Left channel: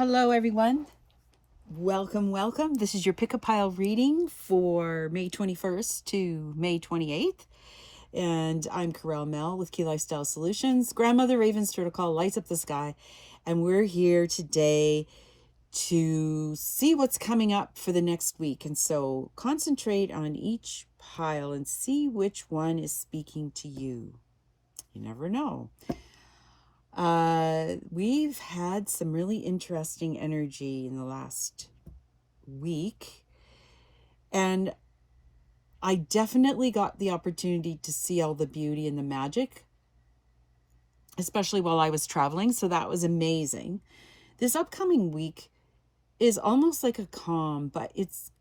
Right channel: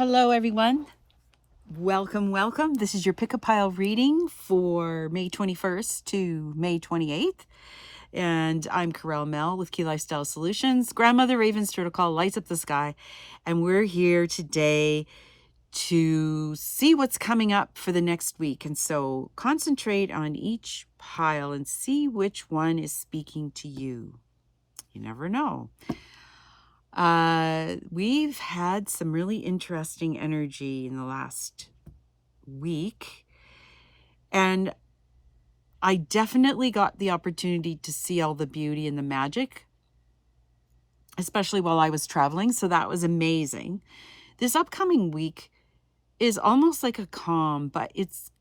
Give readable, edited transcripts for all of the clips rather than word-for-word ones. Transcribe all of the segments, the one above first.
Hello, everyone. Welcome. This is your pick-a-pile reading for May 21st to May 28th. And I'm Corel Mel with Key Lifestyle Solutions. Grandmother Raven's Protocol lights up the sky. And we're here today to see what's coming up for the next week. And so concentrate on each pile and see which one is speaking to you. You never know. We've had some really interesting energy in the last week, and I definitely got the opportunity to see all the beauty and the magic, especially while I was traveling. So that was amazing. This upcoming week is almost like a calm, but it's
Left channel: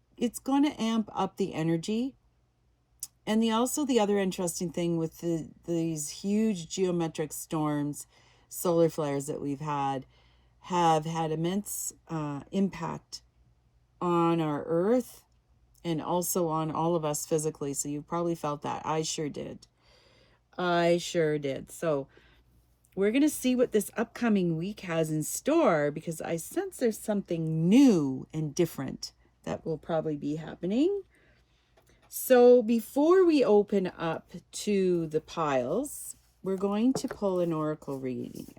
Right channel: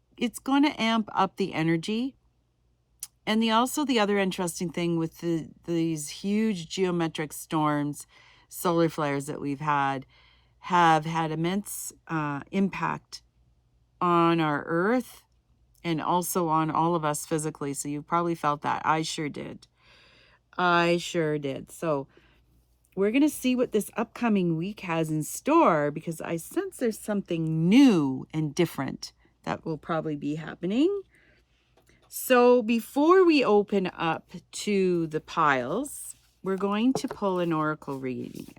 going to amp up the energy. And the other interesting thing with these huge geometric storms, solar flares that we've had, have had immense impact on our Earth and also on all of us physically. So you probably felt that. I sure did. So we're going to see what this upcoming week has in store, because I sense there's something new and different that will probably be happening. So before we open up to the piles, we're going to pull an oracle reading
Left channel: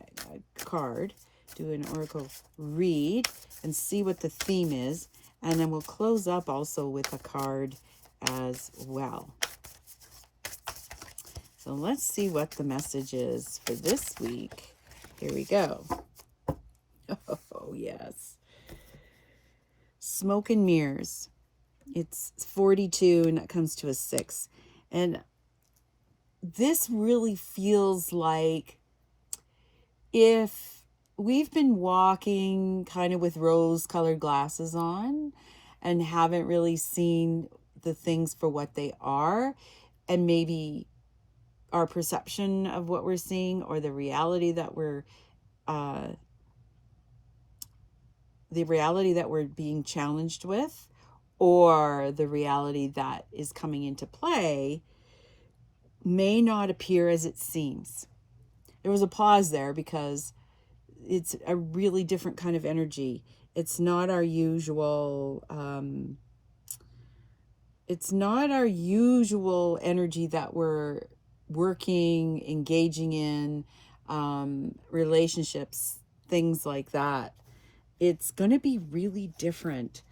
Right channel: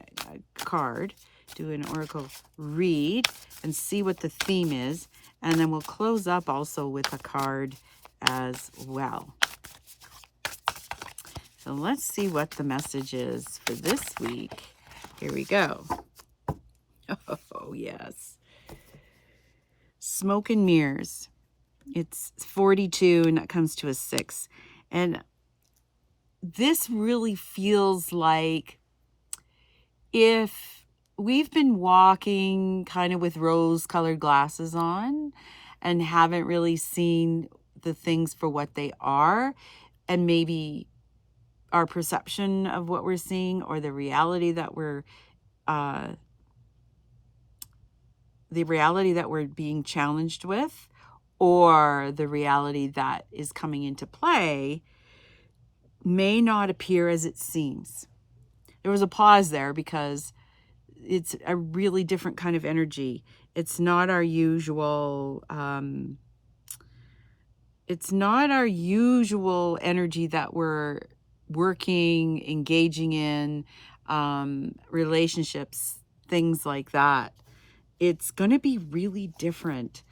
card, do an oracle read, and see what the theme is. And then we'll close up also with a card as well. So let's see what the message is for this week. Here we go. Oh, yes. Smoke and mirrors. It's 42 and that comes to a 6. And this really feels like if we've been walking kind of with rose-colored glasses on and haven't really seen the things for what they are, and maybe our perception of what we're seeing or the reality that we're being challenged with, or the reality that is coming into play may not appear as it seems. There was a pause there because it's a really different kind of energy. It's not our usual energy that we're working, engaging in, relationships, things like that. It's going to be really different.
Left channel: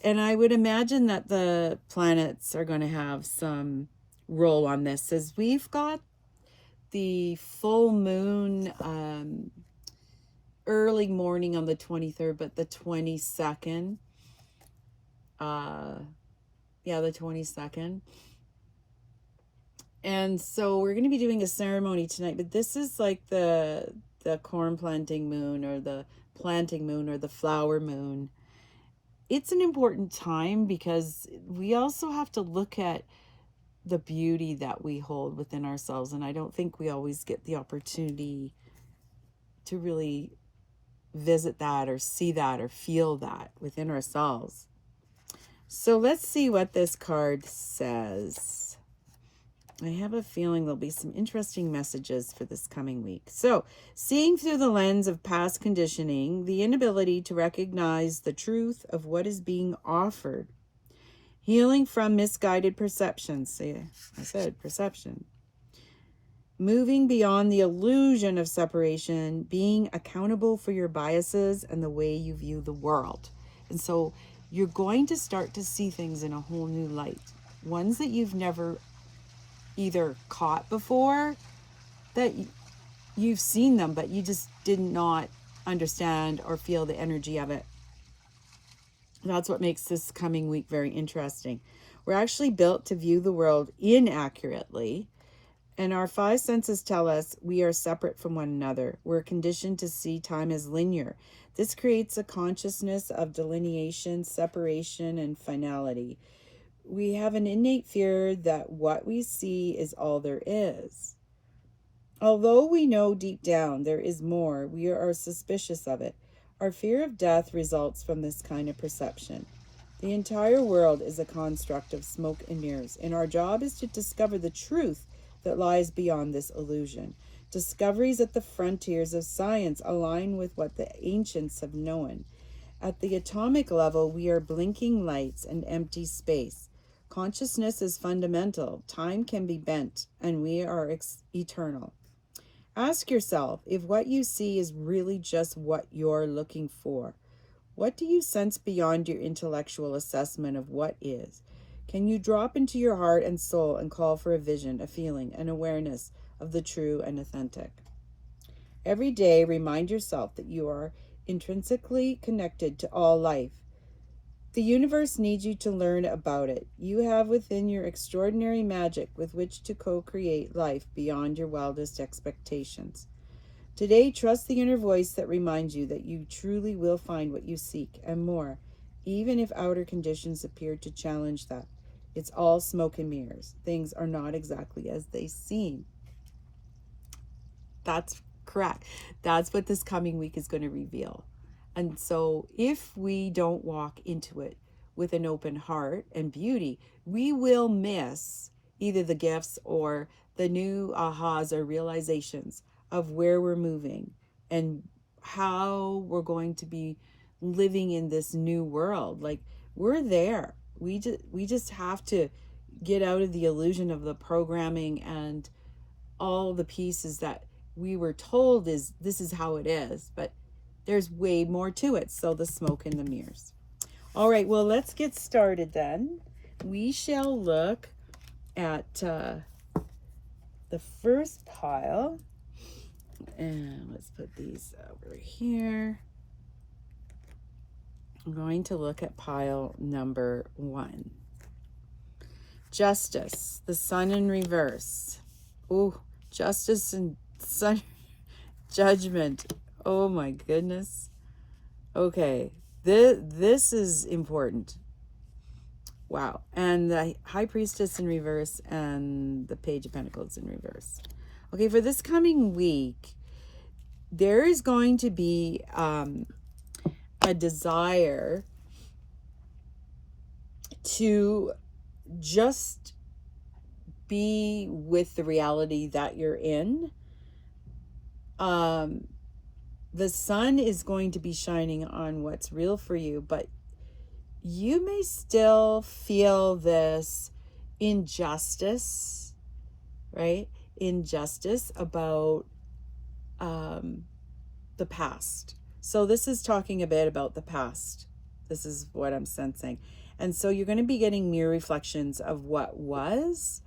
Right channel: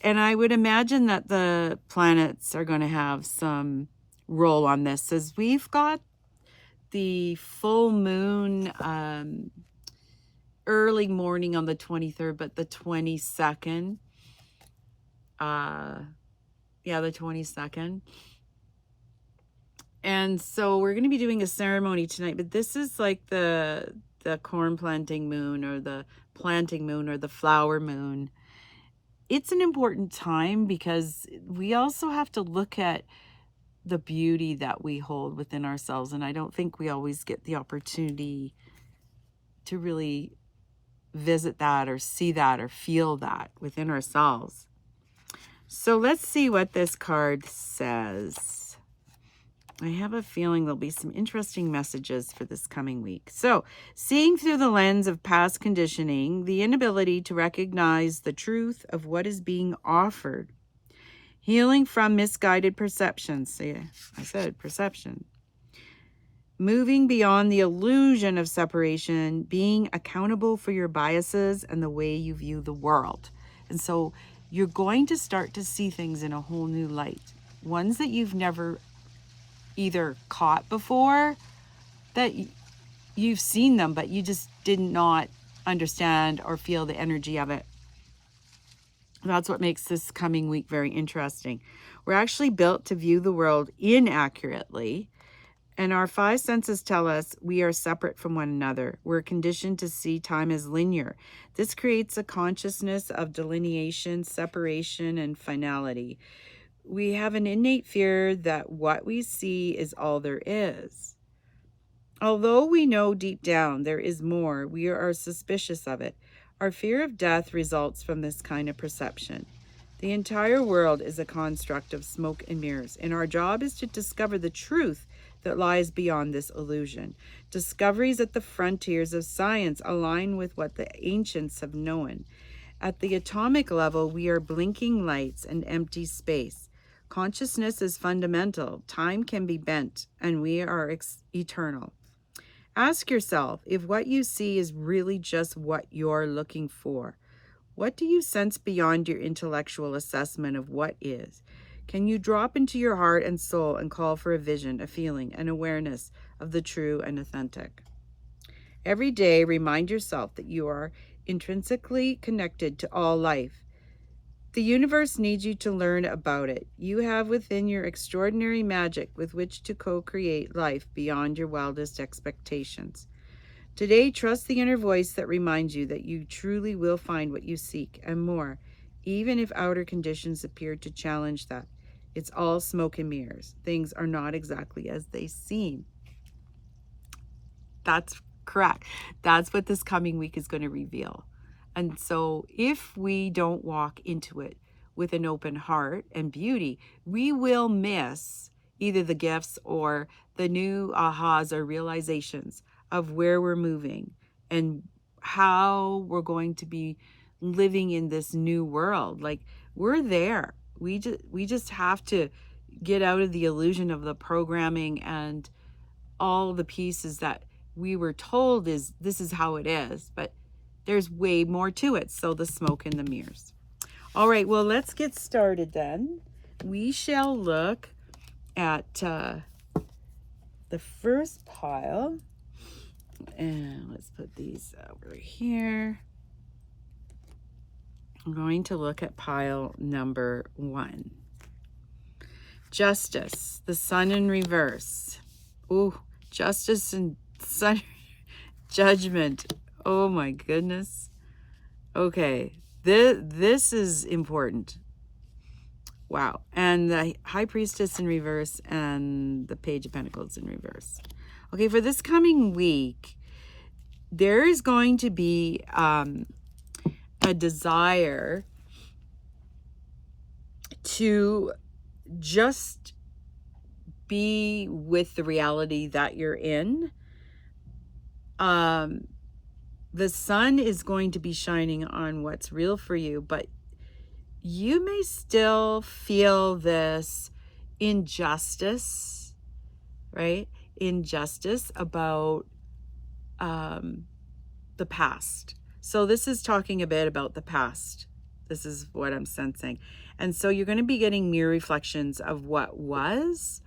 And I would imagine that the planets are going to have some role on this, as we've got the full moon early morning on the 23rd, but the 22nd. The 22nd. And so we're going to be doing a ceremony tonight, but this is like the corn planting moon, or the planting moon, or the flower moon. It's an important time because we also have to look at the beauty that we hold within ourselves. And I don't think we always get the opportunity to really visit that or see that or feel that within ourselves. So let's see what this card says. I have a feeling there'll be some interesting messages for this coming week. So, seeing through the lens of past conditioning, the inability to recognize the truth of what is being offered. Healing from misguided perceptions. See, I said perception. Moving beyond the illusion of separation, being accountable for your biases and the way you view the world. And so you're going to start to see things in a whole new light. Ones that you've never either caught before, that you've seen them, but you just did not understand or feel the energy of it. That's what makes this coming week very interesting. We're actually built to view the world inaccurately, and our 5 senses tell us we are separate from one another. We're conditioned to see time as linear. This creates a consciousness of delineation, separation, and finality. We have an innate fear that what we see is all there is. Although we know deep down there is more, we are suspicious of it. Our fear of death results from this kind of perception. The entire world is a construct of smoke and mirrors, and our job is to discover the truth that lies beyond this illusion. Discoveries at the frontiers of science align with what the ancients have known. At the atomic level, we are blinking lights and empty space. Consciousness is fundamental. Time can be bent, and we are eternal. Ask yourself if what you see is really just what you're looking for. What do you sense beyond your intellectual assessment of what is? Can you drop into your heart and soul and call for a vision, a feeling, an awareness of the true and authentic? Every day, remind yourself that you are intrinsically connected to all life. The universe needs you to learn about it. You have within your extraordinary magic with which to co-create life beyond your wildest expectations. Today, trust the inner voice that reminds you that you truly will find what you seek and more, even if outer conditions appear to challenge that. It's all smoke and mirrors. Things are not exactly as they seem. That's correct. That's what this coming week is going to reveal. And so if we don't walk into it with an open heart and beauty, we will miss either the gifts or the new ahas or realizations of where we're moving and how we're going to be living in this new world. Like, we're there. We just have to get out of the illusion of the programming and all the pieces that we were told is this is how it is, but there's way more to it. So the smoke and the mirrors. All right, well, let's get started then. We shall look at the first pile. And let's put these over here. I'm going to look at pile number 1. Justice, the sun in reverse. Oh, justice and sun, judgment. Oh my goodness. Okay, this is important. Wow. And the High Priestess in reverse and the Page of Pentacles in reverse. Okay, for this coming week, there is going to be a desire to just be with the reality that you're in. The sun is going to be shining on what's real for you, but you may still feel this injustice, right? Injustice about the past. So this is talking a bit about the past. This is what I'm sensing. And so you're going to be getting mirror reflections of what was,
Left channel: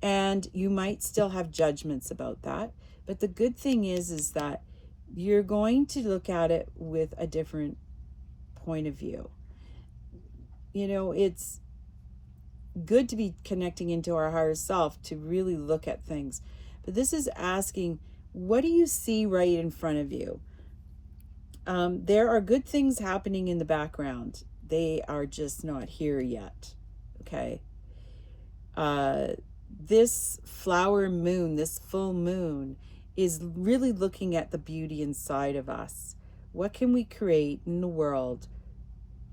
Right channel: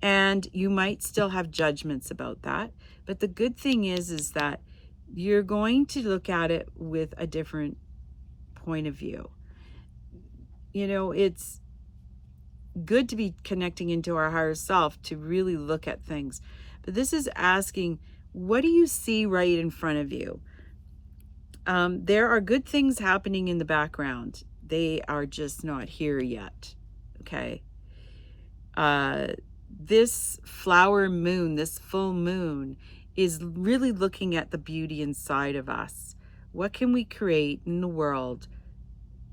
and you might still have judgments about that. But the good thing is that you're going to look at it with a different point of view. You know, it's good to be connecting into our higher self to really look at things. But this is asking, what do you see right in front of you? There are good things happening in the background. They are just not here yet. Okay. This flower moon, this full moon, is really looking at the beauty inside of us. What can we create in the world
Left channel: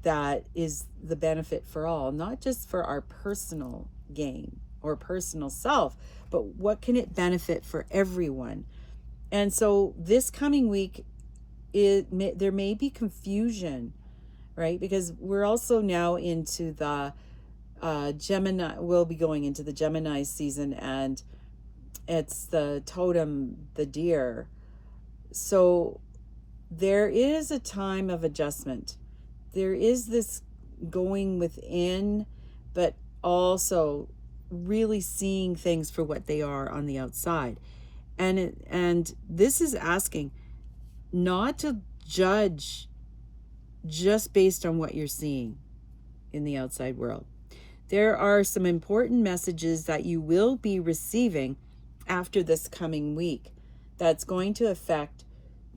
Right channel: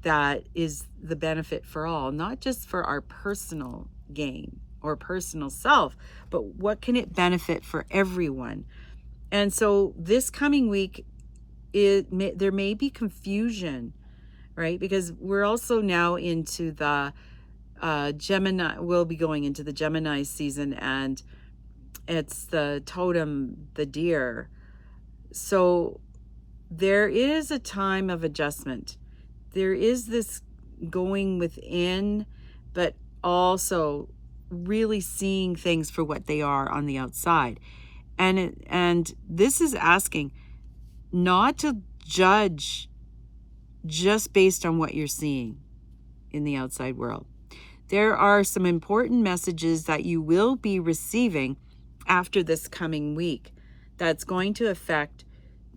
that is the benefit for all, not just for our personal gain or personal self, but what can it benefit for everyone? And so this coming week, there may be confusion, right? Because we're also now into the Gemini. We'll be going into the Gemini season, and it's the totem, the deer. So there is a time of adjustment. There is this going within, but also really seeing things for what they are on the outside. And this is asking not to judge just based on what you're seeing in the outside world. There are some important messages that you will be receiving after this coming week that's going to affect,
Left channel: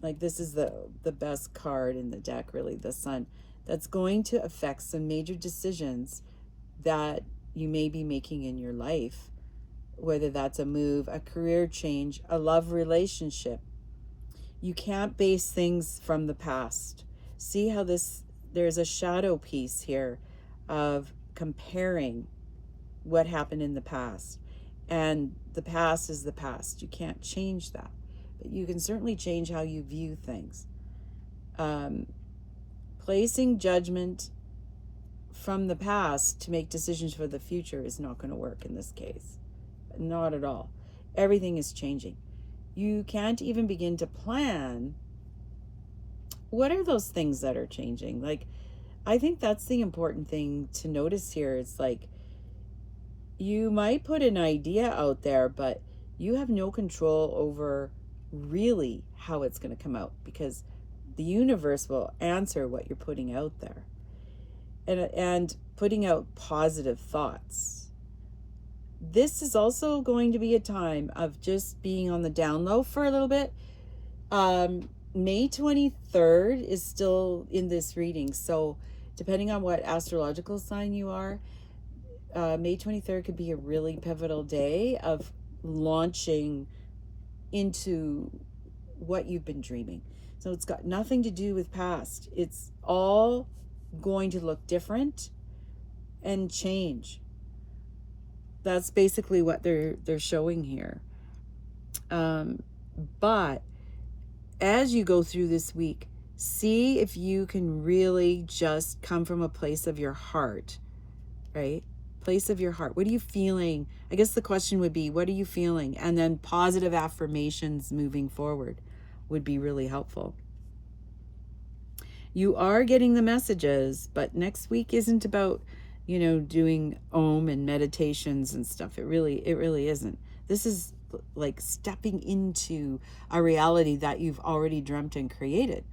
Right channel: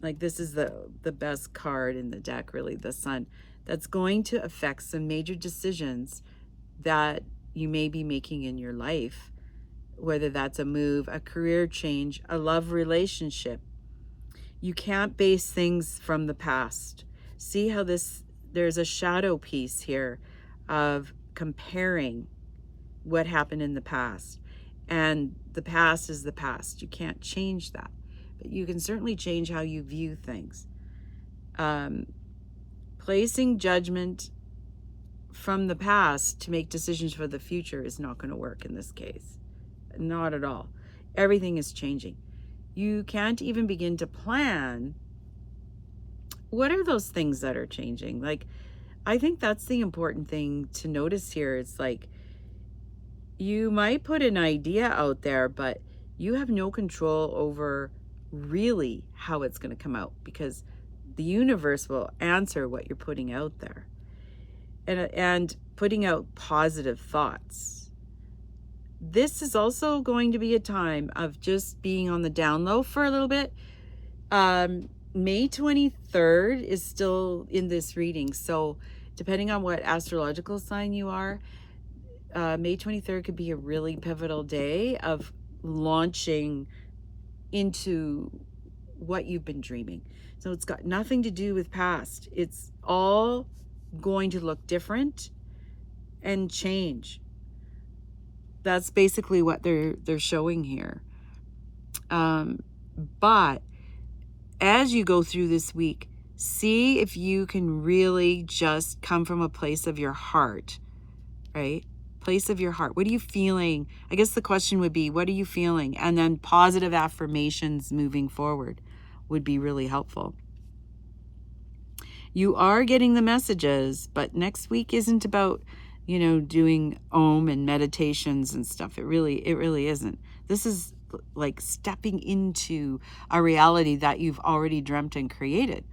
like, this is the best card in the deck, really, the sun, that's going to affect some major decisions that you may be making in your life, whether that's a move, a career change, a love relationship. You can't base things from the past. See how there's a shadow piece here of comparing what happened in the past. And the past is the past. You can't change that. But you can certainly change how you view things. Placing judgment from the past to make decisions for the future is not going to work in this case. Not at all. Everything is changing. You can't even begin to plan what are those things that are changing. Like, I think that's the important thing to notice here. It's like, you might put an idea out there, but you have no control over really how it's going to come out, because the universe will answer what you're putting out there, and putting out positive thoughts. This is also going to be a time of just being on the down low for a little bit. May 23rd is still in this reading, so depending on what astrological sign you are, May 23rd could be a really pivotal day of launching into what you've been dreaming. So it's got nothing to do with past. It's all going to look different and change. That's basically what they're showing here. But as you go through this week, see if you can really just come from a place of your heart, right? Place of your heart. What are you feeling? I guess the question would be, what are you feeling? And then positive affirmations moving forward would be really helpful. You are getting the messages, but next week isn't about, doing Om and meditations and stuff. It really isn't. This is like stepping into a reality that you've already dreamt and created.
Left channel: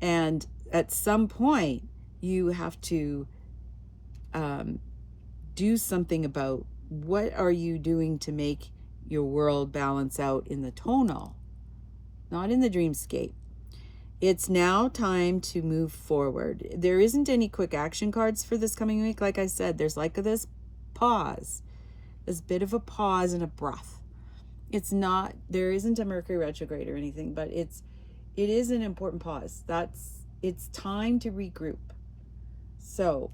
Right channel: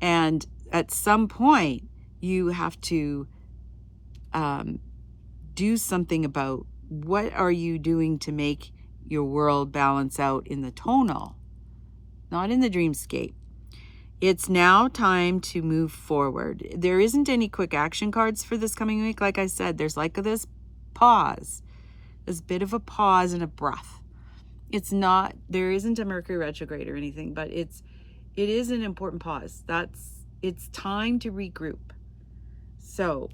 And at some point, you have to do something about what are you doing to make your world balance out in the tonal, not in the dreamscape. It's now time to move forward. There isn't any quick action cards for this coming week. Like I said, there's like this pause, this bit of a pause and a breath. There isn't a Mercury retrograde or anything, but it is an important pause. It's time to regroup. So,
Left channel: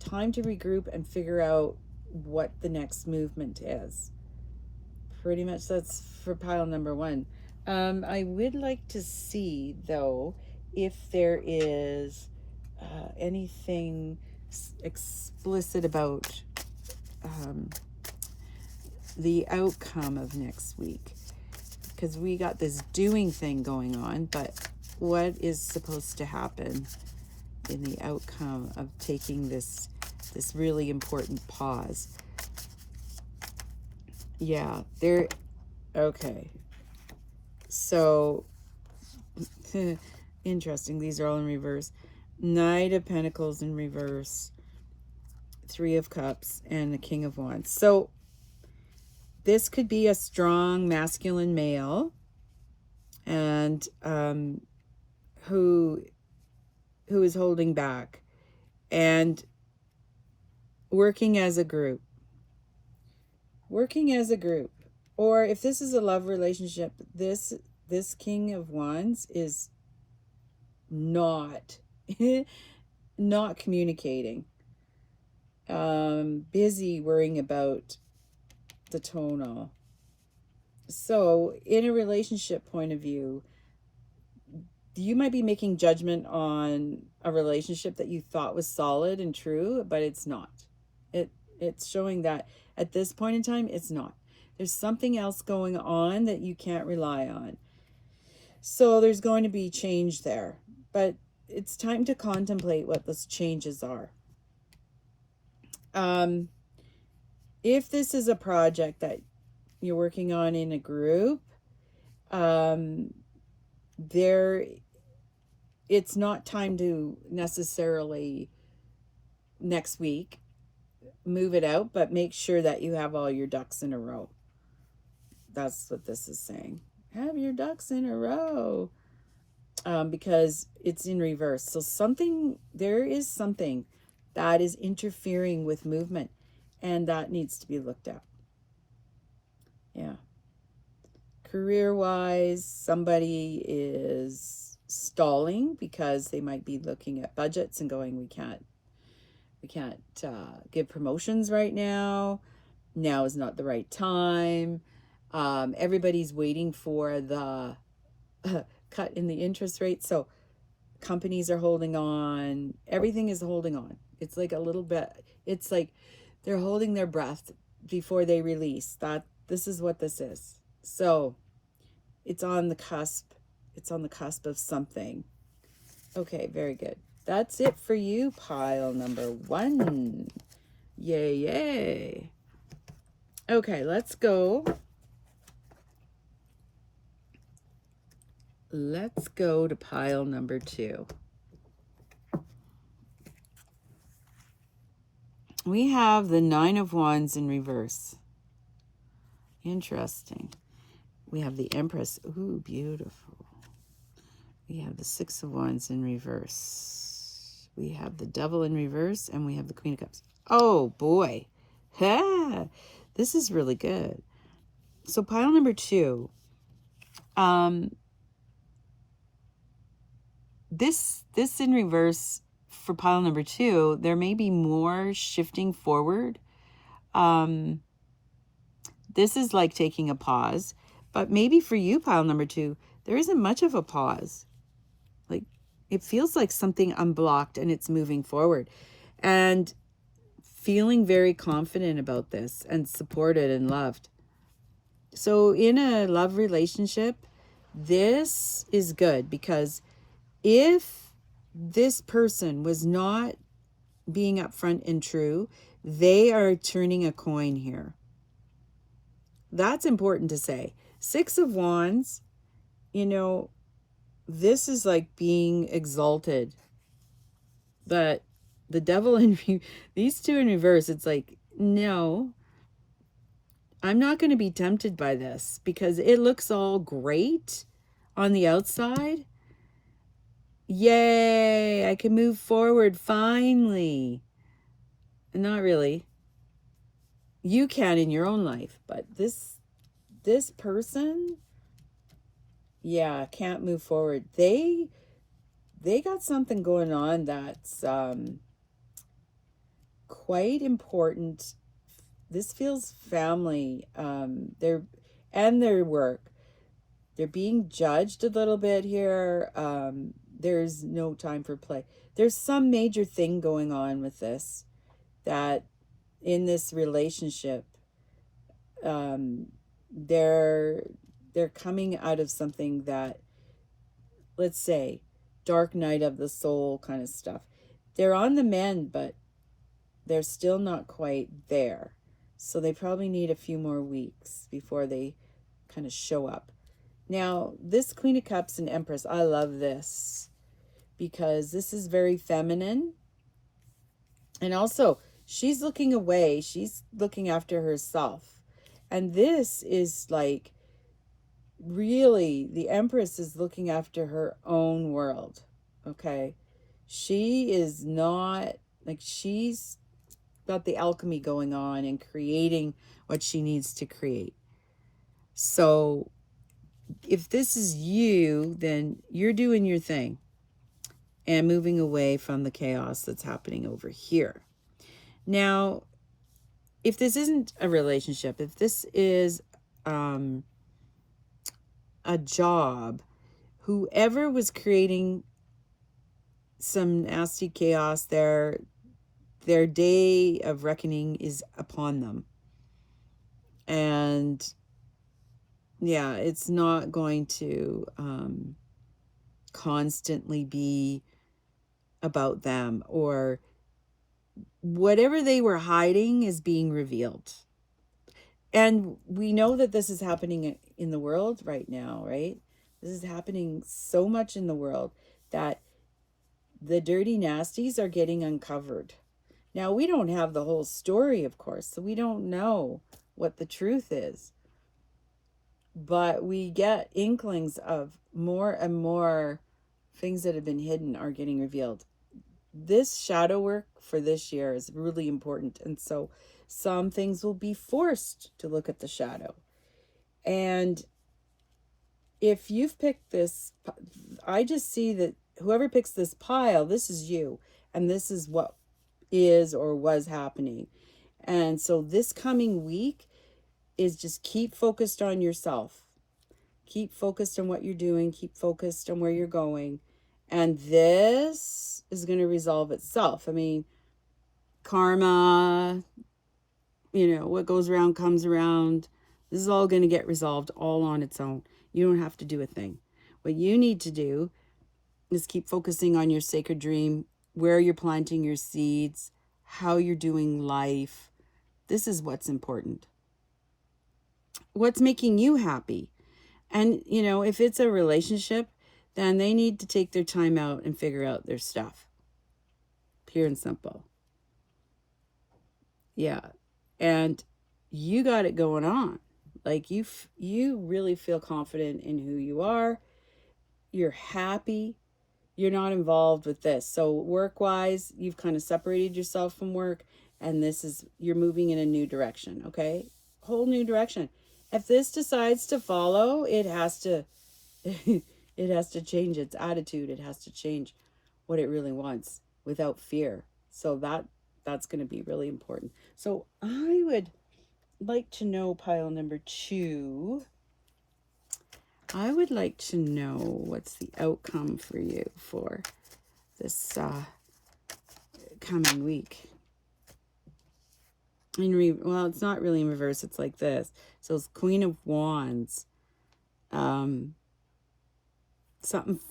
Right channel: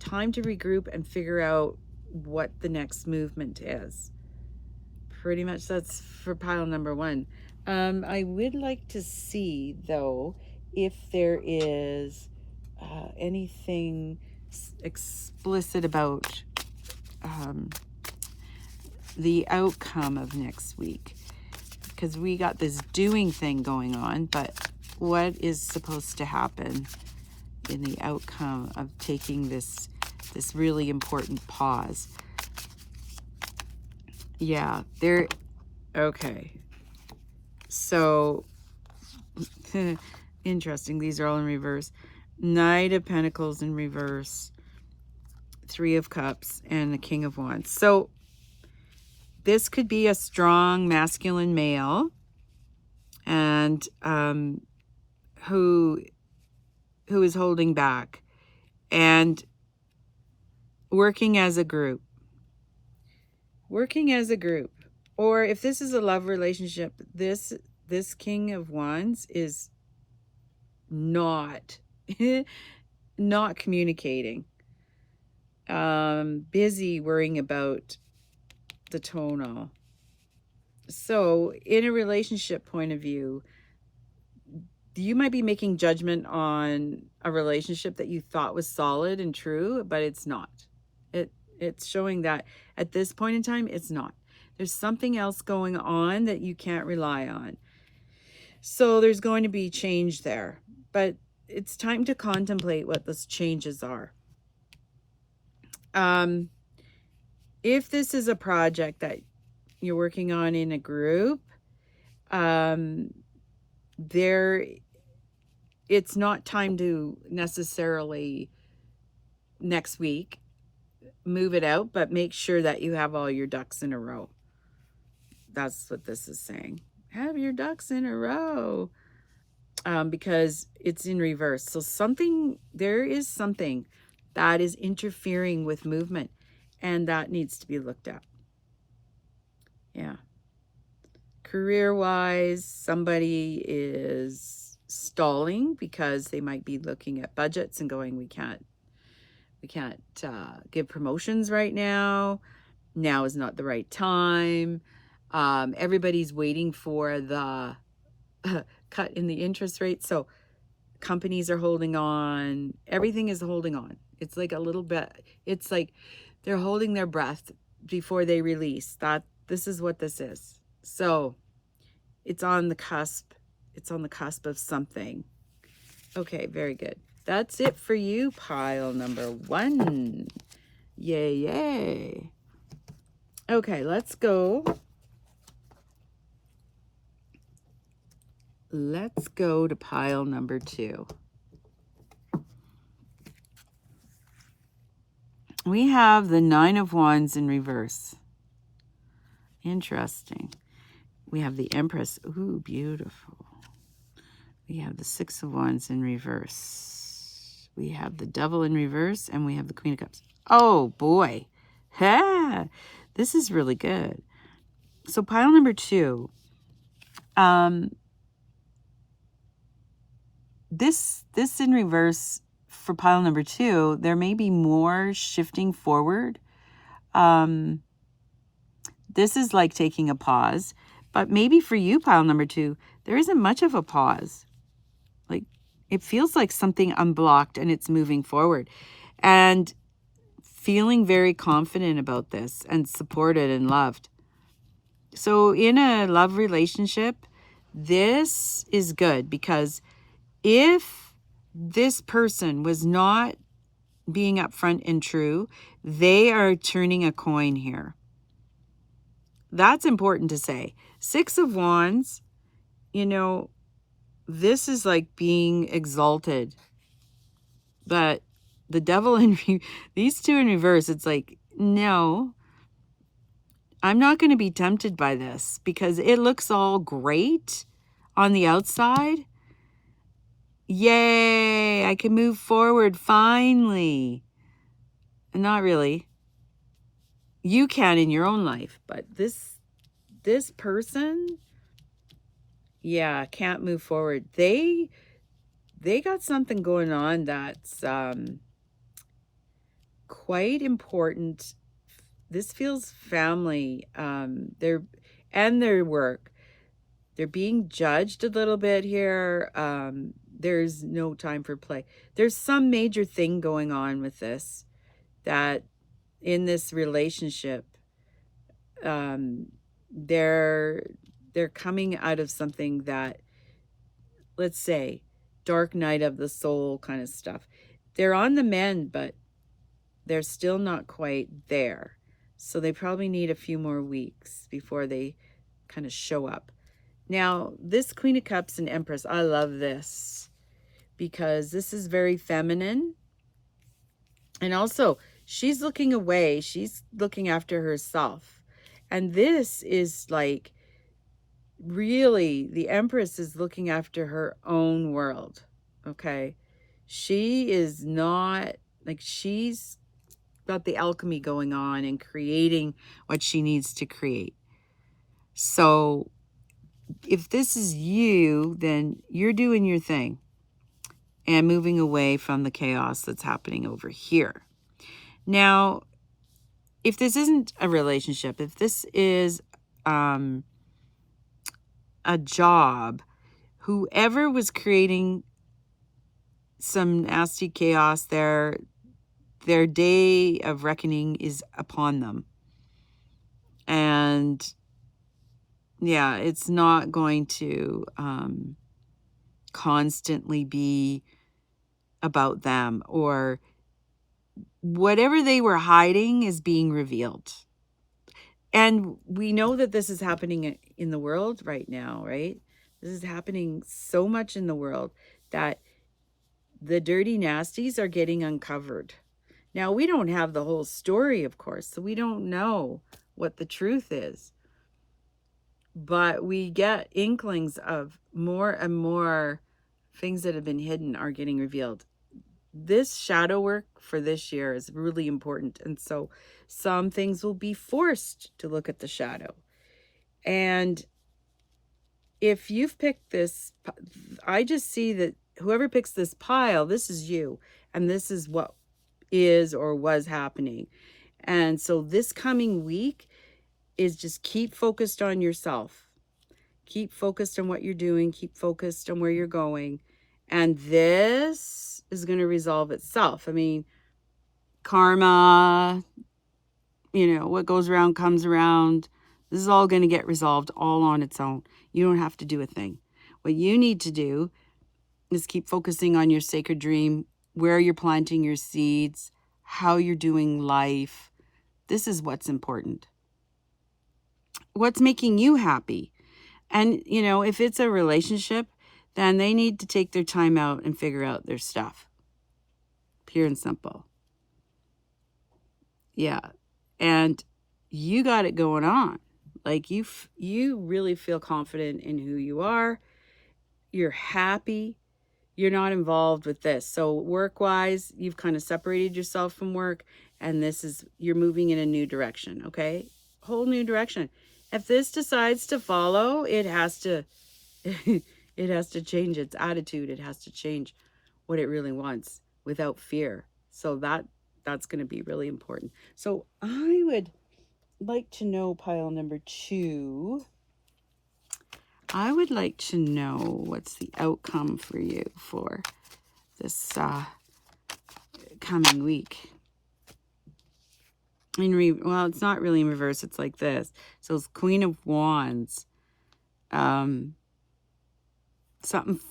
time to regroup and figure out what the next movement is. Pretty much that's for pile number 1. I would like to see, though, if there is anything explicit about the outcome of next week, because we got this doing thing going on, but what is supposed to happen in the outcome of taking this really important pause? Yeah, okay. So, interesting. These are all in reverse. Knight of Pentacles in reverse. 3 of Cups and the King of Wands. So, this could be a strong masculine male, and who is holding back and working as a group. Or if this is a love relationship, this King of Wands is not communicating. Busy worrying about the tonal. So in a relationship point of view, you might be making judgment on a relationship that you thought was solid and true, but it's not. It's showing that at this point in time, it's not. There's something else going on that you can't rely on. So there's going to be change there, but it's time to contemplate what those changes are. If this is a project that you're working on in a group, it's not time to necessarily next week move it out, but make sure that you have all your ducks in a row. That's what this is saying. Have your ducks in a row. Because it's in reverse. So there is something that is interfering with movement, and that needs to be looked at. Yeah. Career-wise, somebody is stalling because they might be looking at budgets and going, we can't give promotions right now. now is not the right time. Everybody's waiting for the cut in the interest rate. So companies are holding on. Everything is holding on. It's like a little bit, it's like they're holding their breath before they release. This is what this is. So it's on the cusp. It's on the cusp of something. Okay, very good. That's it for you, pile number 1. Yay, yay. Okay, let's go. Let's go to pile number 2. We have the 9 of Wands in reverse. Interesting. We have the Empress. Ooh, beautiful. We have the 6 of Wands in reverse. We have the Devil in reverse, and we have the Queen of Cups. Oh, boy. Ha! This is really good. So pile number 2. This in reverse for pile number 2, there may be more shifting forward. This is like taking a pause, but maybe for you, pile number 2, there isn't much of a pause. Like, it feels like something unblocked and it's moving forward, and feeling very confident about this and supported and loved. So in a love relationship, this is good, because if this person was not being upfront and true, they are turning a coin here. That's important to say. 6 of Wands, you know, this is like being exalted. But the Devil in these 2 in reverse, it's like, no, I'm not going to be tempted by this, because it looks all great on the outside. Yay, I can move forward finally. Not really. You can in your own life, but this person, yeah, can't move forward. They got something going on that's quite important. This feels family. Their work. They're being judged a little bit here. There's no time for play. There's some major thing going on with this, that in this relationship, they're coming out of something that, let's say, dark night of the soul kind of stuff. They're on the mend, but they're still not quite there. So they probably need a few more weeks before they kind of show up. Now, this Queen of Cups and Empress, I love this, because this is very feminine. And also, she's looking away. She's looking after herself. And this is like, really, the Empress is looking after her own world. Okay? She is not, like, she's got the alchemy going on and creating what she needs to create. So if this is you, then you're doing your thing and moving away from the chaos that's happening over here. Now, if this isn't a relationship, if this is a job, whoever was creating some nasty chaos, their day of reckoning is upon them. And yeah, it's not going to constantly be about them, or whatever they were hiding is being revealed. And we know that this is happening in the world right now, right? This is happening so much in the world that the dirty nasties are getting uncovered. Now, we don't have the whole story, of course, so we don't know what the truth is. But we get inklings of more and more things that have been hidden are getting revealed. This shadow work for this year is really important. And so some things will be forced to look at the shadow. And if you've picked this, I just see that whoever picks this pile, this is you. And this is what is or was happening. And so this coming week is just keep focused on yourself. Keep focused on what you're doing. Keep focused on where you're going. And this is going to resolve itself. I mean, karma, what goes around comes around. This is all going to get resolved all on its own. You don't have to do a thing. What you need to do is keep focusing on your sacred dream, where you're planting your seeds, how you're doing life. This is what's important. What's making you happy? And, if it's a relationship, then they need to take their time out and figure out their stuff. Pure and simple. Yeah. And you got it going on. Like you really feel confident in who you are. You're happy. You're not involved with this. So work-wise, you've kind of separated yourself from work, and you're moving in a new direction, okay? Whole new direction. If this decides to follow, it has to it has to change its attitude. It has to change what it really wants without fear. So that's going to be really important. So I would like to know, pile number 2. I would like to know what's the outcome for you for this coming week. Well, it's not really in reverse. It's like this. So it's Queen of Wands. Something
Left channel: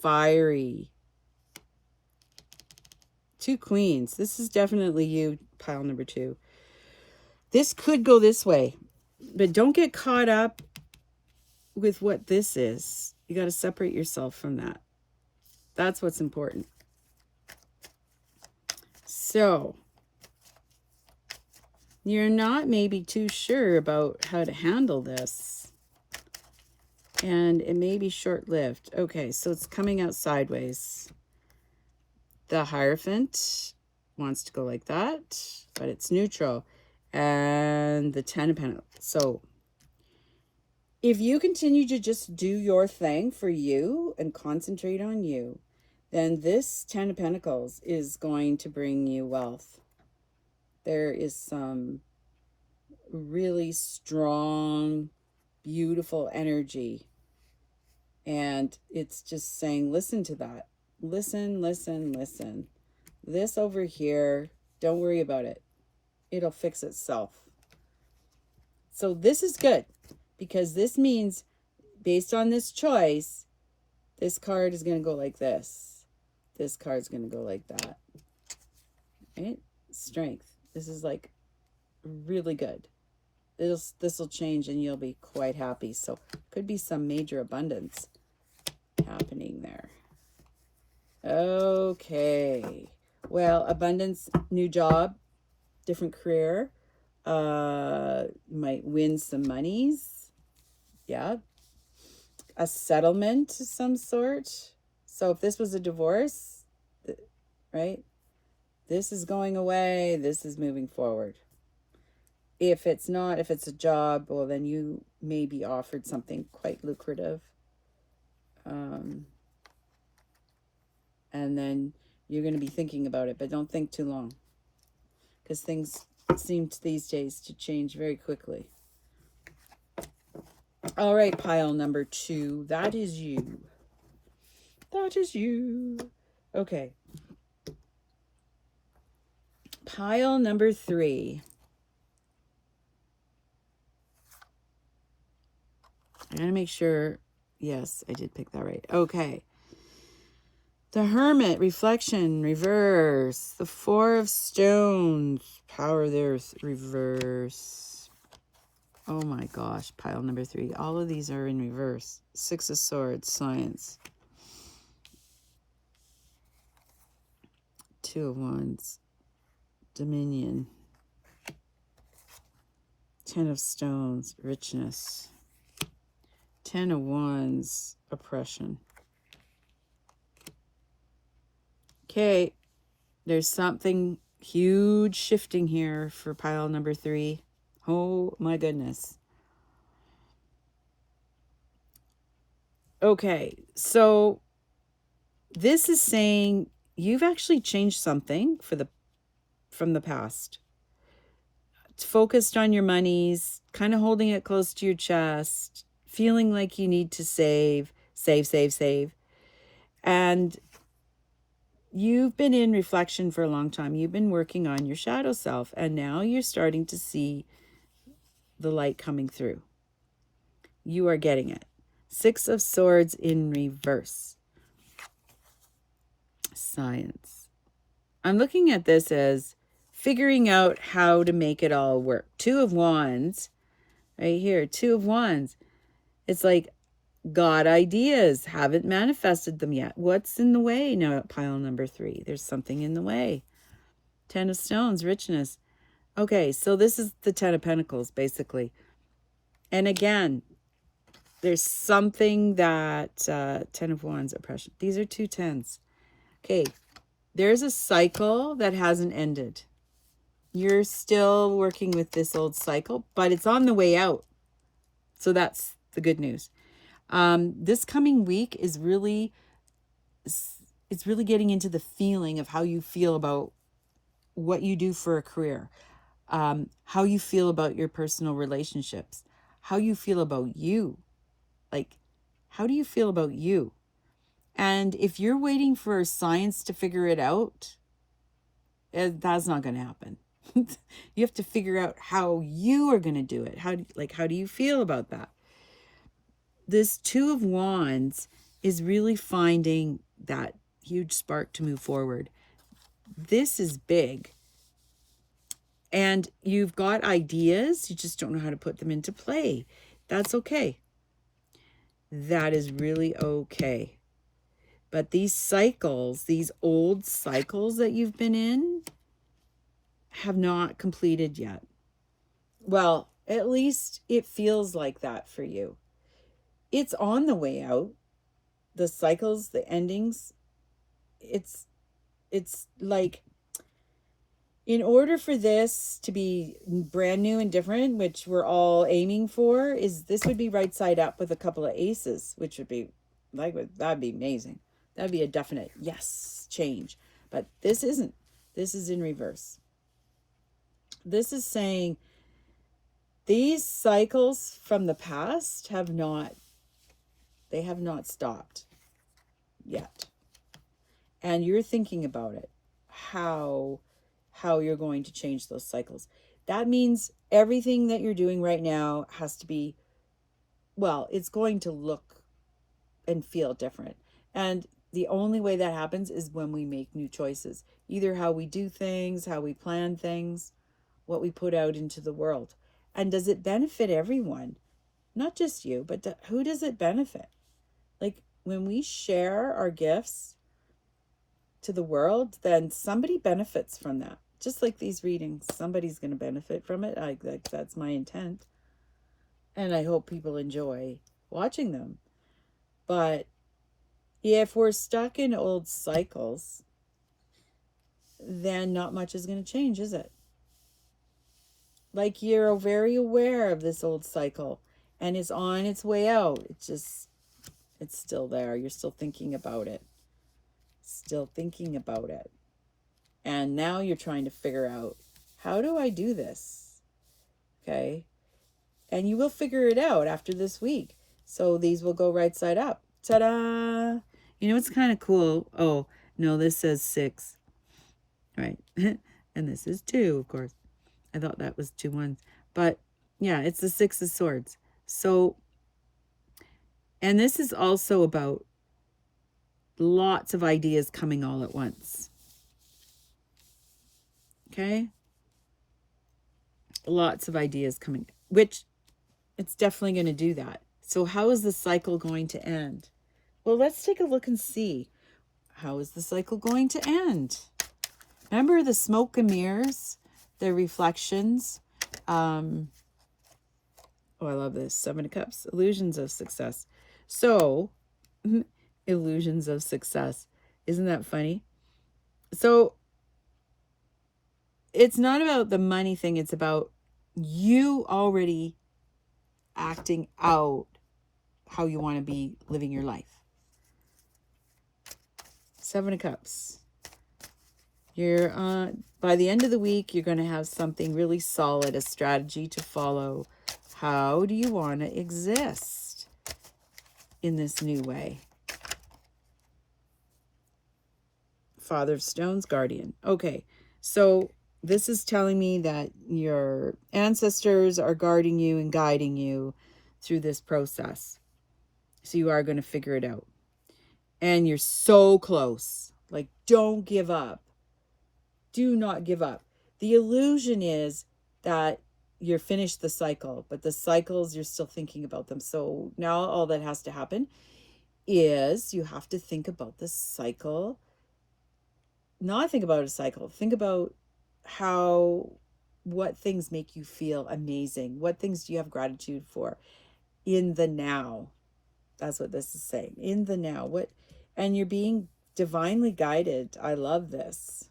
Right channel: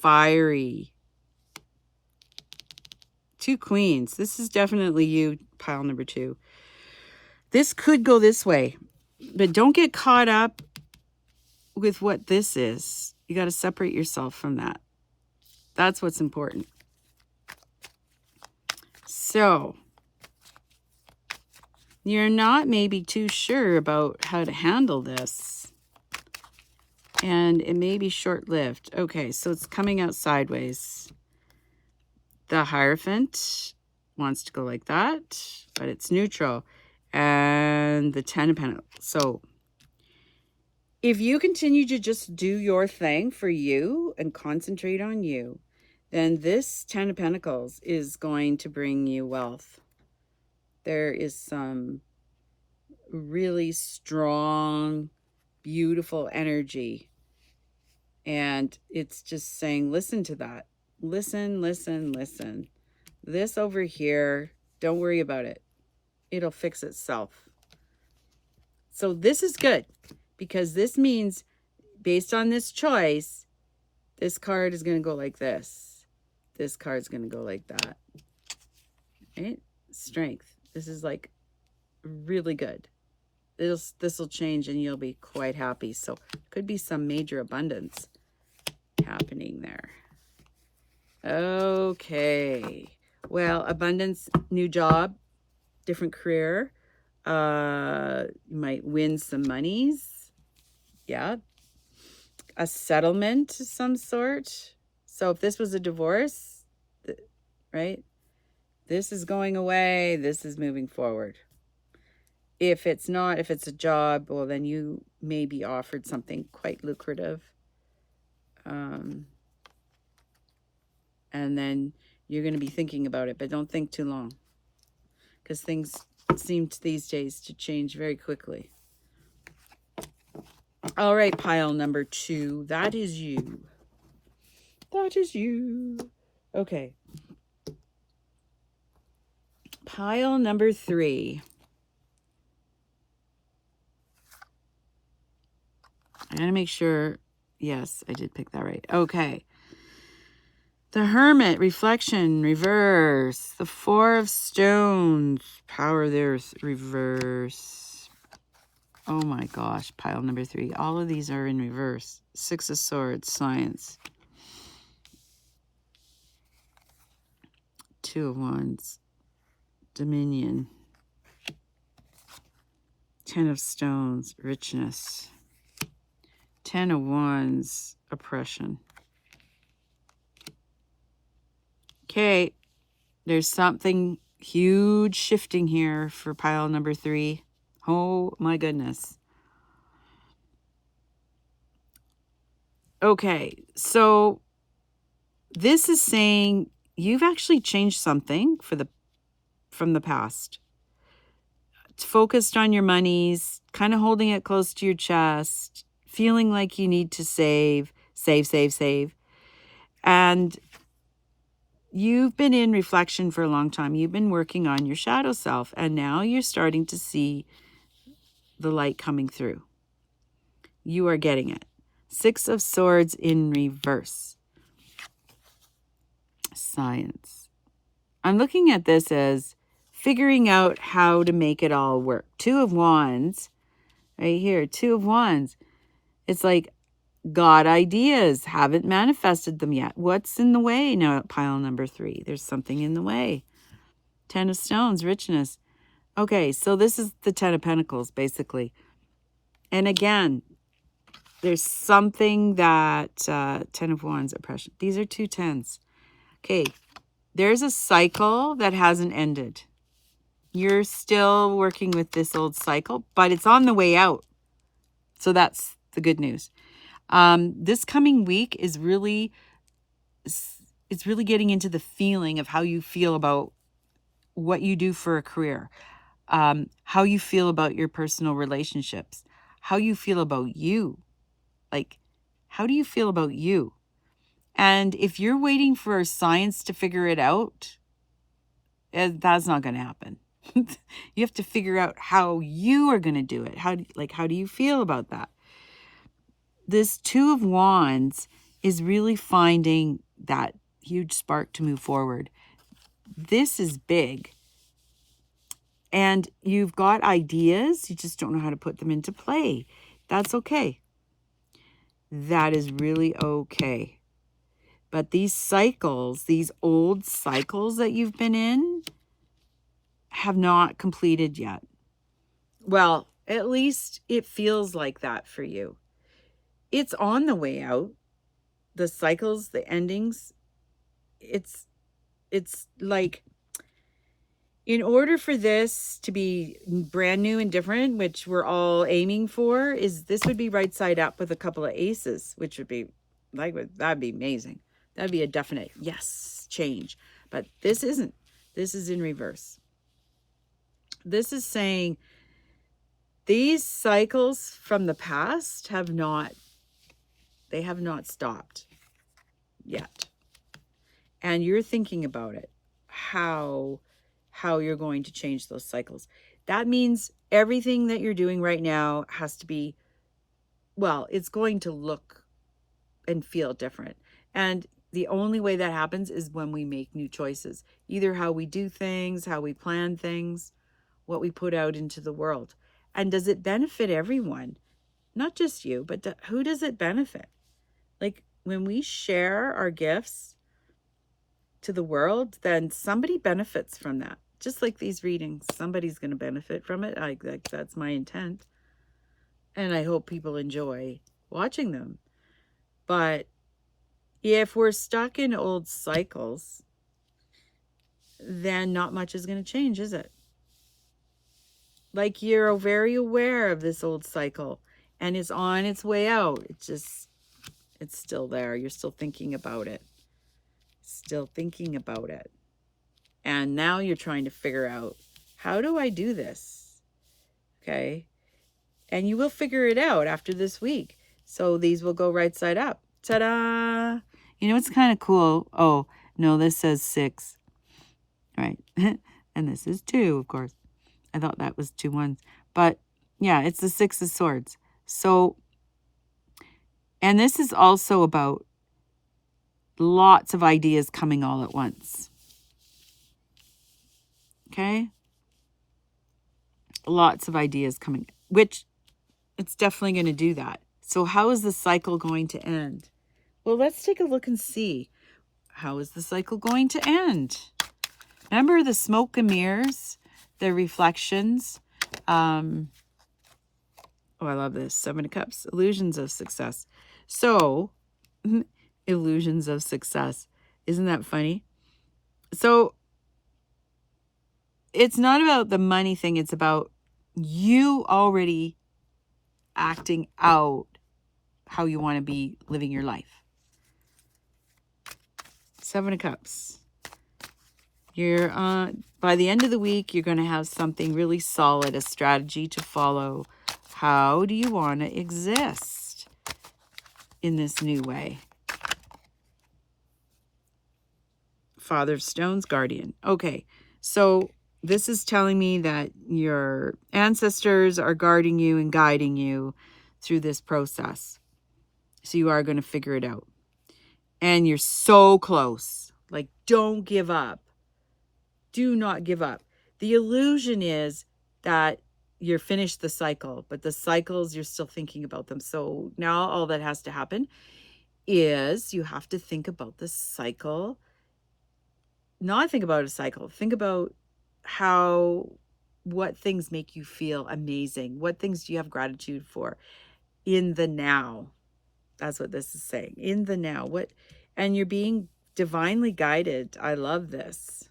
fiery. 2 queens. This is definitely you, pile number 2. This could go this way, but don't get caught up with what this is. You got to separate yourself from that. That's what's important. So you're not maybe too sure about how to handle this, and it may be short-lived. Okay, so it's coming out sideways. The Hierophant wants to go like that, but it's neutral. And the 10 of Pentacles. So if you continue to just do your thing for you and concentrate on you, then this 10 of Pentacles is going to bring you wealth. There is some really strong, beautiful energy. And it's just saying, listen to that. Listen, listen, listen. This over here, don't worry about it. It'll fix itself. So this is good, because this means, based on this choice, this card is going to go like this. This card's going to go like that. Right? Strength. This is like really good. This will change and you'll be quite happy. So could be some major abundance happening there. Okay. Well, abundance, new job, different career. You might win some monies. Yeah. A settlement of some sort. So if this was a divorce, right? This is going away. This is moving forward. If it's not, if it's a job, well, then you may be offered something quite lucrative. And then you're going to be thinking about it, but don't think too long, because things seem these days to change very quickly. All right, pile number 2. That is you. That is you. Okay. Pile number 3. I gotta make sure. Yes, I did pick that right. Okay. The Hermit, reflection, reverse. The 4 of Stones, power of the Earth, reverse. Oh my gosh, pile number 3. All of these are in reverse. 6 of Swords, science. 2 of Wands, dominion. 10 of Stones, richness. 10 of Wands, oppression. Okay, there's something huge shifting here for pile number 3. Oh my goodness. Okay, so this is saying you've actually changed something from the past. focused on your monies, kind of holding it close to your chest, feeling like you need to save. And you've been in reflection for a long time. You've been working on your shadow self, and now you're starting to see the light coming through. You are getting it. 6 of Swords in reverse. Science. I'm looking at this as figuring out how to make it all work. 2 of Wands, right here, 2 of Wands. It's like, got ideas, haven't manifested them yet. What's in the way? Now at pile number 3, there's something in the way. 10 of Stones, richness. Okay, so this is the 10 of Pentacles, basically. And again, there's something that 10 of Wands, oppression. These are 2 10s. Okay, there's a cycle that hasn't ended. You're still working with this old cycle, but it's on the way out. So that's the good news. This coming week is really, it's really getting into the feeling of how you feel about what you do for a career, how you feel about your personal relationships, how you feel about you. Like, how do you feel about you? And if you're waiting for science to figure it out, that's not going to happen. You have to figure out how you are going to do it. How do you feel about that? This 2 of Wands is really finding that huge spark to move forward. This is big. And you've got ideas, you just don't know how to put them into play. That's okay. That is really okay. But these cycles, these old cycles that you've been in, have not completed yet. Well, at least it feels like that for you. It's on the way out. The cycles, the endings, it's like, in order for this to be brand new and different, which we're all aiming for, is this would be right side up with a couple of aces, which would be like, that'd be amazing. That'd be a definite yes change. But this isn't. This is in reverse. This is saying these cycles from the past have not stopped yet. And you're thinking about it, how you're going to change those cycles. That means everything that you're doing right now has to be, well, it's going to look and feel different. And the only way that happens is when we make new choices, either how we do things, how we plan things, what we put out into the world. And does it benefit everyone? Not just you, but who does it benefit? Like, when we share our gifts to the world, then somebody benefits from that. Just like these readings, somebody's going to benefit from it. That's my intent. And I hope people enjoy watching them. But if we're stuck in old cycles, then not much is going to change, is it? Like, you're very aware of this old cycle and it's on its way out. It's still there. You're still thinking about it. Still thinking about it. And now you're trying to figure out, how do I do this? Okay. And you will figure it out after this week. So these will go right side up. Ta-da! You know, it's kind of cool. Oh, no, this says 6. Right. And this is 2, of course. I thought that was 2 1s. But yeah, it's the 6 of Swords. So, and this is also about lots of ideas coming all at once. Okay? Lots of ideas coming, which it's definitely going to do that. So how is the cycle going to end? Well, let's take a look and see. How is the cycle going to end? Remember the smoke and mirrors, the reflections. Oh, I love this. 7 of Cups, illusions of success. So, illusions of success. Isn't that funny? So, it's not about the money thing. It's about you already acting out how you want to be living your life. 7 of Cups. You're by the end of the week, you're going to have something really solid, a strategy to follow. How do you want to exist in this new way? Father of Stones, Guardian. Okay, so this is telling me that your ancestors are guarding you and guiding you through this process. So you are going to figure it out. And you're so close. Like, don't give up. Do not give up. The illusion is that you're finished the cycle, but the cycles, you're still thinking about them. So now all that has to happen is you have to think about the cycle. Not think about a cycle. Think about what things make you feel amazing. What things do you have gratitude for in the now? That's what this is saying. In the now. And you're being divinely guided. I love this.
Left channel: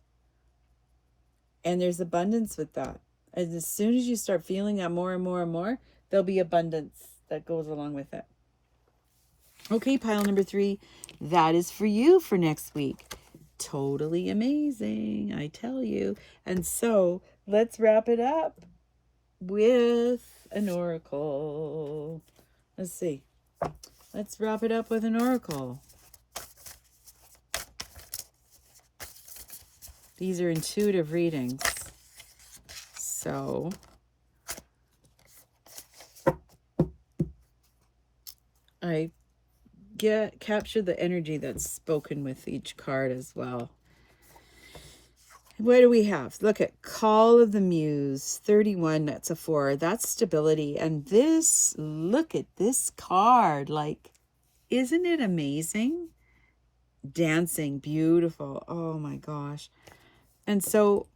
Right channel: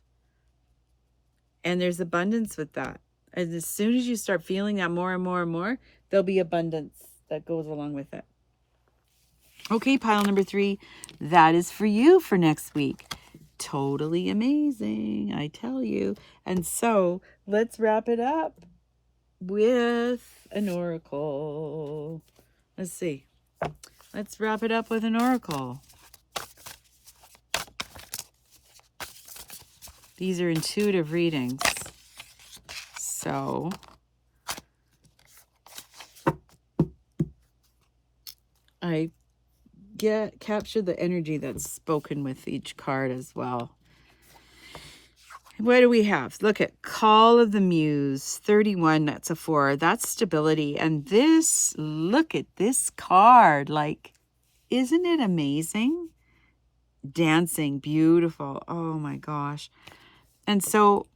And there's abundance with that. And as soon as you start feeling that more and more and more, there'll be abundance that goes along with it. Okay, pile number 3. That is for you for next week. Totally amazing, I tell you. And so let's wrap it up with an oracle. Let's see. Let's wrap it up with an oracle. These are intuitive readings. So I capture the energy that's spoken with each card as well. What do we have? Look at Call of the Muse, 31, that's a 4. That's stability. And this, look at this card. Like, isn't it amazing? Dancing, beautiful. Oh my gosh. And so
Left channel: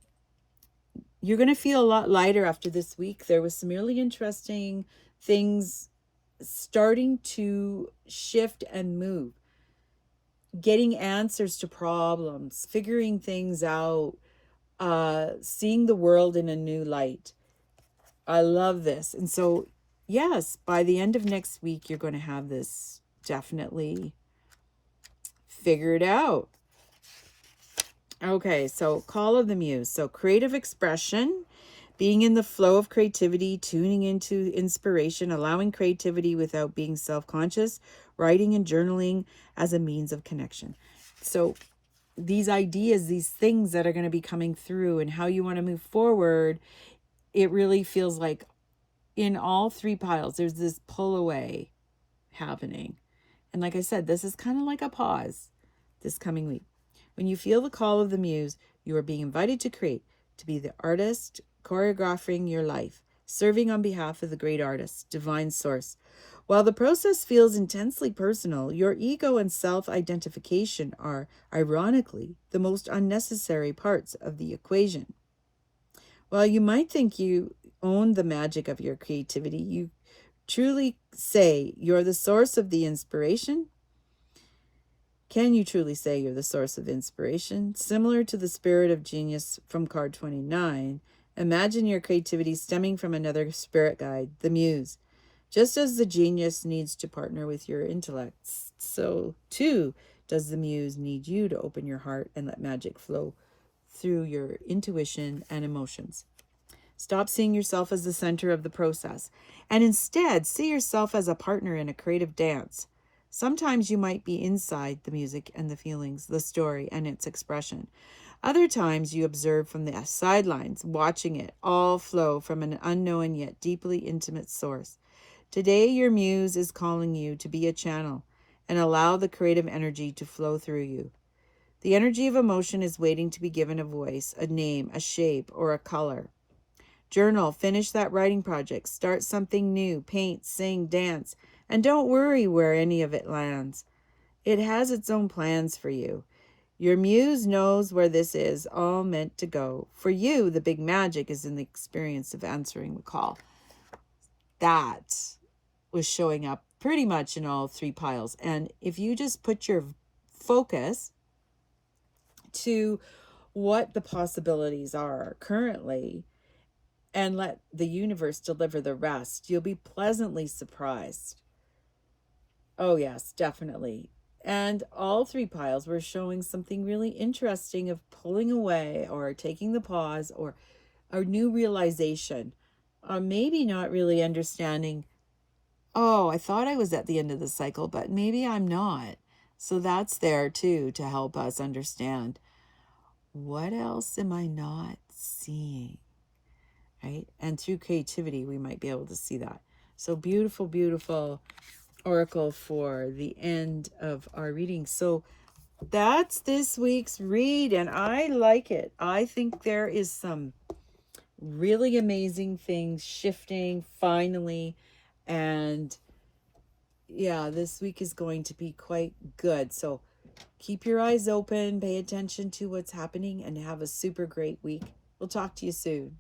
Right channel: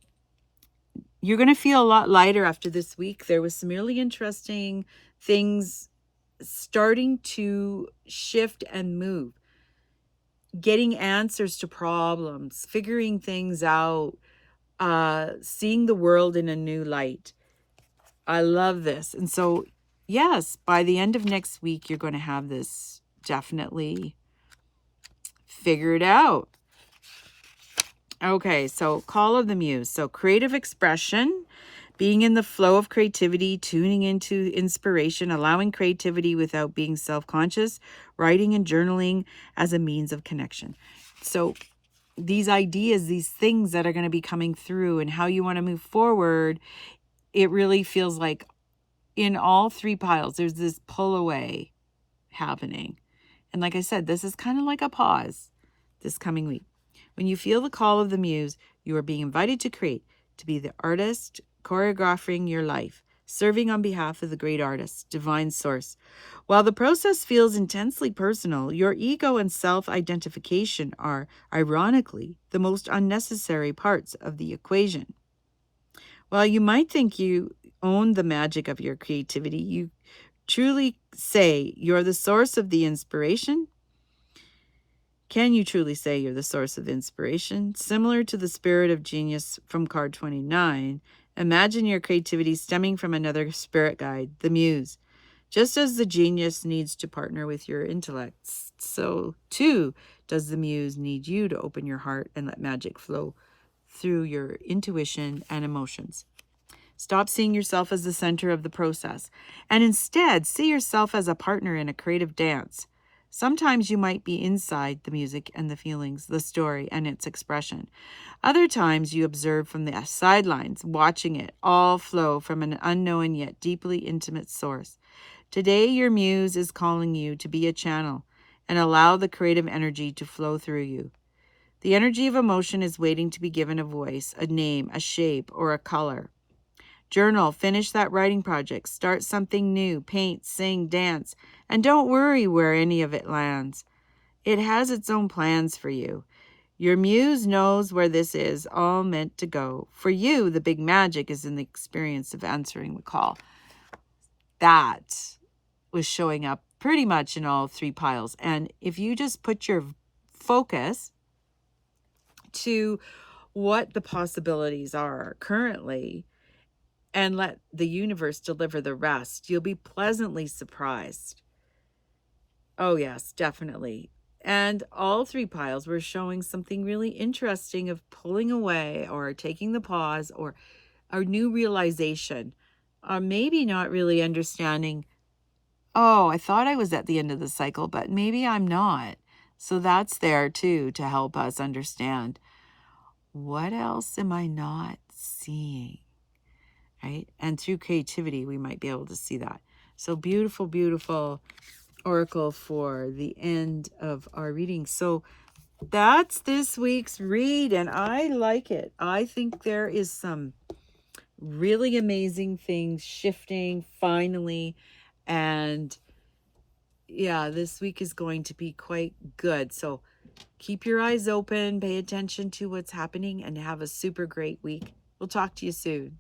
you're going to feel a lot lighter after this week. There was some really interesting things starting to shift and move. Getting answers to problems, figuring things out, seeing the world in a new light. I love this. And so, yes, by the end of next week, you're going to have this definitely figured out. Okay, so Call of the Muse. So creative expression, being in the flow of creativity, tuning into inspiration, allowing creativity without being self-conscious, writing and journaling as a means of connection. So these ideas, these things that are going to be coming through and how you want to move forward, it really feels like in all 3 piles, there's this pull away happening. And like I said, this is kind of like a pause this coming week. When you feel the call of the muse, you are being invited to create, to be the artist, choreographing your life, serving on behalf of the great artist, divine source. While the process feels intensely personal, your ego and self-identification are, ironically, the most unnecessary parts of the equation. While you might think you own the magic of your creativity, you truly say you're the source of the inspiration. Can you truly say you're the source of inspiration? Similar to the spirit of genius from card 29, imagine your creativity stemming from another spirit guide, the muse. Just as the genius needs to partner with your intellect, so too does the muse need you to open your heart and let magic flow through your intuition and emotions. Stop seeing yourself as the center of the process, and instead see yourself as a partner in a creative dance. Sometimes you might be inside the music and the feelings, the story and its expression. Other times you observe from the sidelines, watching it all flow from an unknown yet deeply intimate source. Today, your muse is calling you to be a channel and allow the creative energy to flow through you. The energy of emotion is waiting to be given a voice, a name, a shape, or a color. Journal, finish that writing project, start something new, paint, sing, dance, and don't worry where any of it lands. It has its own plans for you. Your muse knows where this is all meant to go. For you, the big magic is in the experience of answering the call. That was showing up pretty much in all 3 piles. And if you just put your focus to what the possibilities are currently and let the universe deliver the rest, you'll be pleasantly surprised. Oh, yes, definitely. And all three piles were showing something really interesting of pulling away or taking the pause or a new realization, or maybe not really understanding, oh, I thought I was at the end of the cycle, but maybe I'm not. So that's there too to help us understand, what else am I not seeing? Right? And through creativity, we might be able to see that. So beautiful, beautiful oracle for the end of our reading. So that's this week's read, and I like it. I think there is some really amazing things shifting finally, and yeah, this week is going to be quite good. So keep your eyes open, pay attention to what's happening, and have a super great week. We'll talk to you soon.